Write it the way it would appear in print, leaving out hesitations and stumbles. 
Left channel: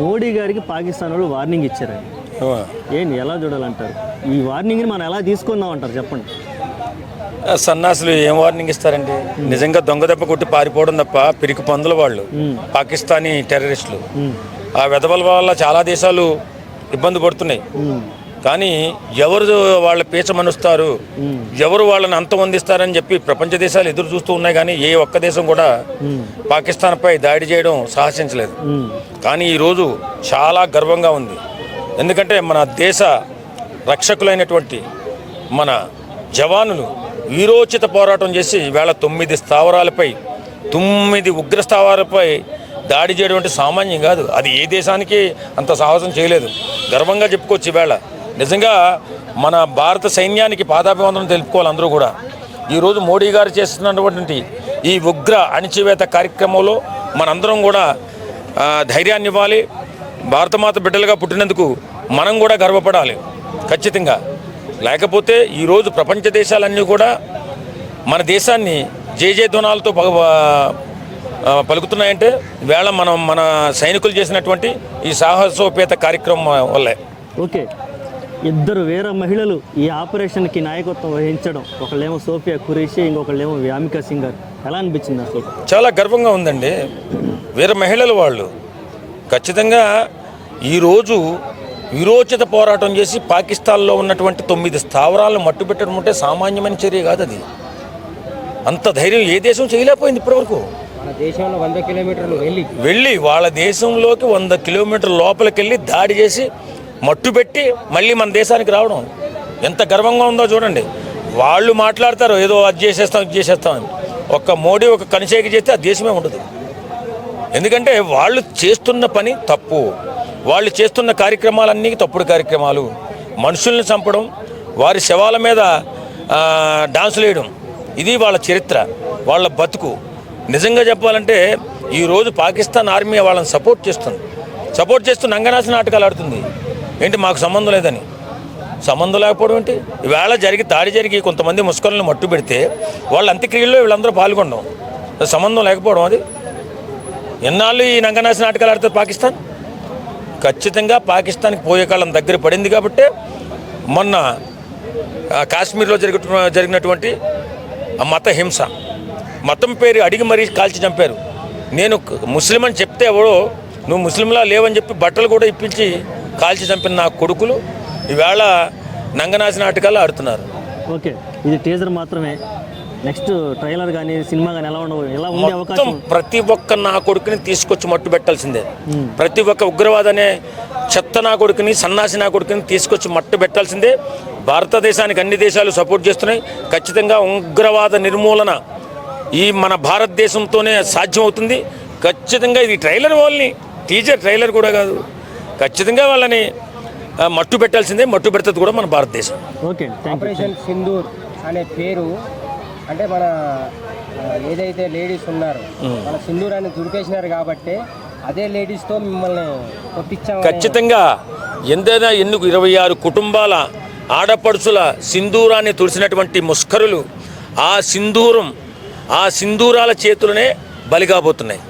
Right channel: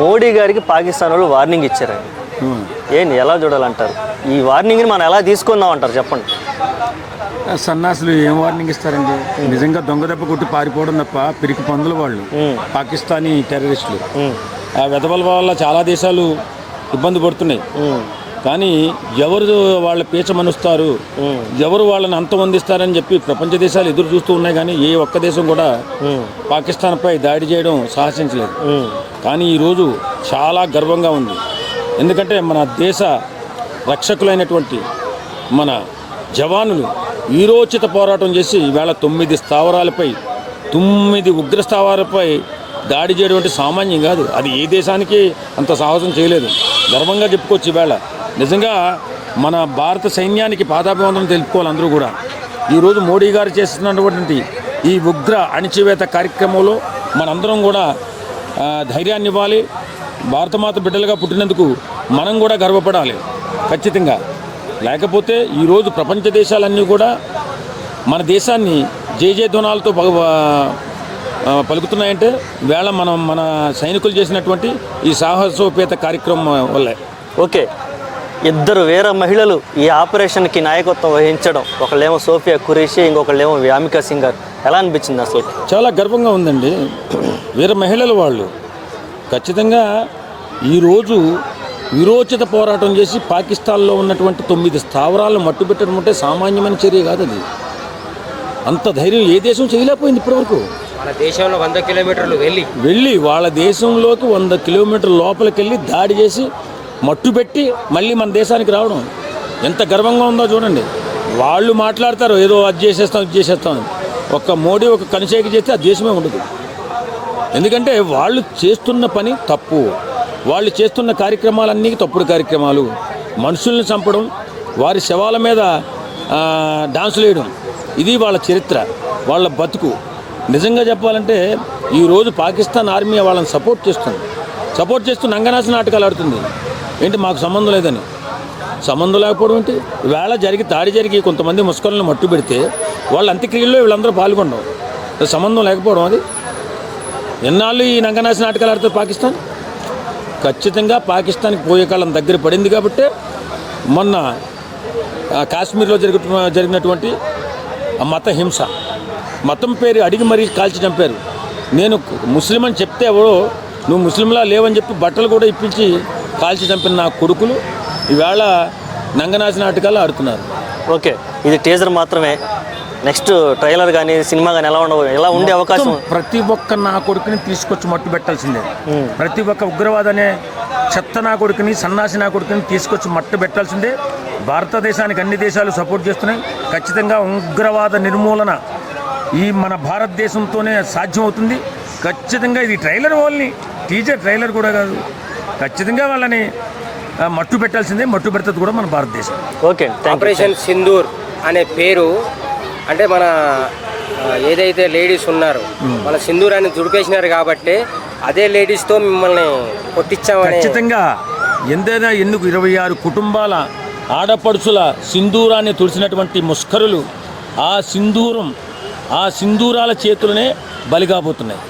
మోడీ గారికి పాకిస్తాన్ వాళ్ళు వార్నింగ్ ఇచ్చారండి. ఏంటి ఎలా చూడాలంటారు? ఈ వార్నింగ్ని మనం ఎలా తీసుకుందాం అంటారు చెప్పండి. సన్నాసులు ఏం వార్నింగ్ ఇస్తారండి? నిజంగా దొంగ దెబ్బ కొట్టి పారిపోవడం తప్ప పిరికి పందుల వాళ్ళు పాకిస్తానీ టెర్రరిస్టులు. ఆ వెధవల వల్ల చాలా దేశాలు ఇబ్బంది పడుతున్నాయి. కానీ ఎవరు వాళ్ళ పీచ మనుస్తారు, ఎవరు వాళ్ళని అంతమొందిస్తారని చెప్పి ప్రపంచ దేశాలు ఎదురు చూస్తూ ఉన్నాయి. కానీ ఏ ఒక్క దేశం కూడా పాకిస్తాన్పై దాడి చేయడం సాహసించలేదు. కానీ ఈరోజు చాలా గర్వంగా ఉంది. ఎందుకంటే మన దేశ రక్షకులైనటువంటి మన జవానులు వీరోచిత పోరాటం చేసి ఈవేళ 9 స్థావరాలపై 9 ఉగ్ర స్థావరాలపై దాడి చేయడం అంటే సామాన్యం కాదు. అది ఏ దేశానికి అంత సాహసం చేయలేదు. గర్వంగా చెప్పుకోవచ్చు. ఈవేళ నిజంగా మన భారత సైన్యానికి పాదాభివందనం తెలుపుకోవాలి అందరూ కూడా. ఈరోజు మోడీ గారు చేస్తున్నటువంటి ఈ ఉగ్ర అణిచివేత కార్యక్రమంలో మనందరం కూడా ధైర్యాన్ని ఇవ్వాలి. భారతమాత బిడ్డలుగా పుట్టినందుకు మనం కూడా గర్వపడాలి ఖచ్చితంగా. లేకపోతే ఈరోజు ప్రపంచ దేశాలన్నీ కూడా మన దేశాన్ని జయజయధ్వనాలతో పలుకుతున్నాయంటే వేళ మన సైనికులు చేసినటువంటి ఈ సాహసోపేత కార్యక్రమం వల్లే. ఓకే, ఇద్దరు వీర మహిళలు ఈ ఆపరేషన్కి నాయకత్వం వహించడం, ఒకళ్ళేమో సోఫియా ఖురేషి, ఇంకొకళ్ళేమో వ్యామికా సింగ్ గారు, ఎలా అనిపించింది అసలు? చాలా గర్వంగా ఉందండి. వీర మహిళలు వాళ్ళు ఖచ్చితంగా ఈరోజు విరోచిత పోరాటం చేసి పాకిస్తాన్లో ఉన్నటువంటి 9 స్థావరాలను మట్టుపెట్టడం అంటే సామాన్యమైన చర్య కాదు. అది అంత ధైర్యం ఏ దేశం చేయలేకపోయింది ఇప్పటివరకు. మన దేశంలో 100 కిలోమీటర్లు వెళ్ళి వాళ్ళ దేశంలోకి 100 కిలోమీటర్ల లోపలికి వెళ్ళి దాడి చేసి మట్టుపెట్టి మళ్ళీ మన దేశానికి రావడం ఎంత గర్వంగా ఉందో చూడండి. వాళ్ళు మాట్లాడతారు ఏదో అది చేసేస్తాం ఇది చేసేస్తాం. ఒక్క మోడీ ఒక కనిచేకి చేస్తే ఆ దేశమే ఉండదు. ఎందుకంటే వాళ్ళు చేస్తున్న పని తప్పు. వాళ్ళు చేస్తున్న కార్యక్రమాలన్నీ తప్పుడు కార్యక్రమాలు. మనుషుల్ని చంపడం, వారి శవాల మీద డాన్సులు వేయడం, ఇది వాళ్ళ చరిత్ర, వాళ్ళ బతుకు. నిజంగా చెప్పాలంటే ఈరోజు పాకిస్తాన్ ఆర్మీ వాళ్ళని సపోర్ట్ చేస్తూ నంగనాశ నాటకాలు ఆడుతుంది. ఏంటి మాకు సంబంధం లేదని? సంబంధం లేకపోవడం ఏంటి? ఈవేళ దాడి జరిగి కొంతమంది ముస్లింలను మట్టు పెడితే వాళ్ళ అంత్యక్రియల్లో వీళ్ళందరూ పాల్గొనడం సంబంధం లేకపోవడం. అది ఎన్నాళ్ళు ఈ నంగనాశ నాటకాలు ఆడుతారు పాకిస్తాన్? ఖచ్చితంగా పాకిస్తాన్కి పోయే కాలం దగ్గర పడింది. కాబట్టి మొన్న కాశ్మీర్లో జరిగినటువంటి మత హింస, మతం పేరు అడిగి మరీ కాల్చి చంపారు. నేను ముస్లిం అని చెప్తే ఎవడో నువ్వు ముస్లింలా లేవని చెప్పి బట్టలు కూడా ఇప్పించి కాల్చి చంపిన నా కొడుకులు ఈవేళ నంగనాశ నాటకాలు ఆడుతున్నారు. ఓకే, ఇది టీజర్ మాత్రమే. నెక్స్ట్ ట్రైలర్ కానీ సినిమా కానీ ఎలా ఉండే అవకాశం? ప్రతి ఒక్క నా కొడుకుని తీసుకొచ్చి మట్టు పెట్టాల్సిందే. ప్రతి ఒక్క ఉగ్రవాదనే చెత్త నా కొడుకుని, సన్నాసి నా కొడుకుని తీసుకొచ్చి మట్టు పెట్టాల్సిందే. భారతదేశానికి అన్ని దేశాలు సపోర్ట్ చేస్తున్నాయి. ఖచ్చితంగా ఉగ్రవాద నిర్మూలన ఈ మన భారతదేశంతోనే సాధ్యమవుతుంది. ఖచ్చితంగా ఇది ట్రైలర్ ఓన్లీ, టీజర్ ట్రైలర్ కూడా కాదు. ఖచ్చితంగా వాళ్ళని మట్టు పెట్టాల్సిందే. మట్టు పెడుతుంది కూడా మన భారతదేశం. ఓకే, ఆపరేషన్ సింధూర్ అనే పేరు అంటే మన ఏదైతే లేడీస్ ఉన్నారో మన సింధూరాన్ని దుడిపేసినారు కాబట్టి అదే లేడీస్తో మిమ్మల్ని కొట్టించాము. ఖచ్చితంగా ఎంతైనా 26 కుటుంబాల ఆడపడుచుల సింధూరాన్ని తుడిసినటువంటి ముష్కరులు ఆ సింధూరాల చేతులనే బలిగాబోతున్నాయి.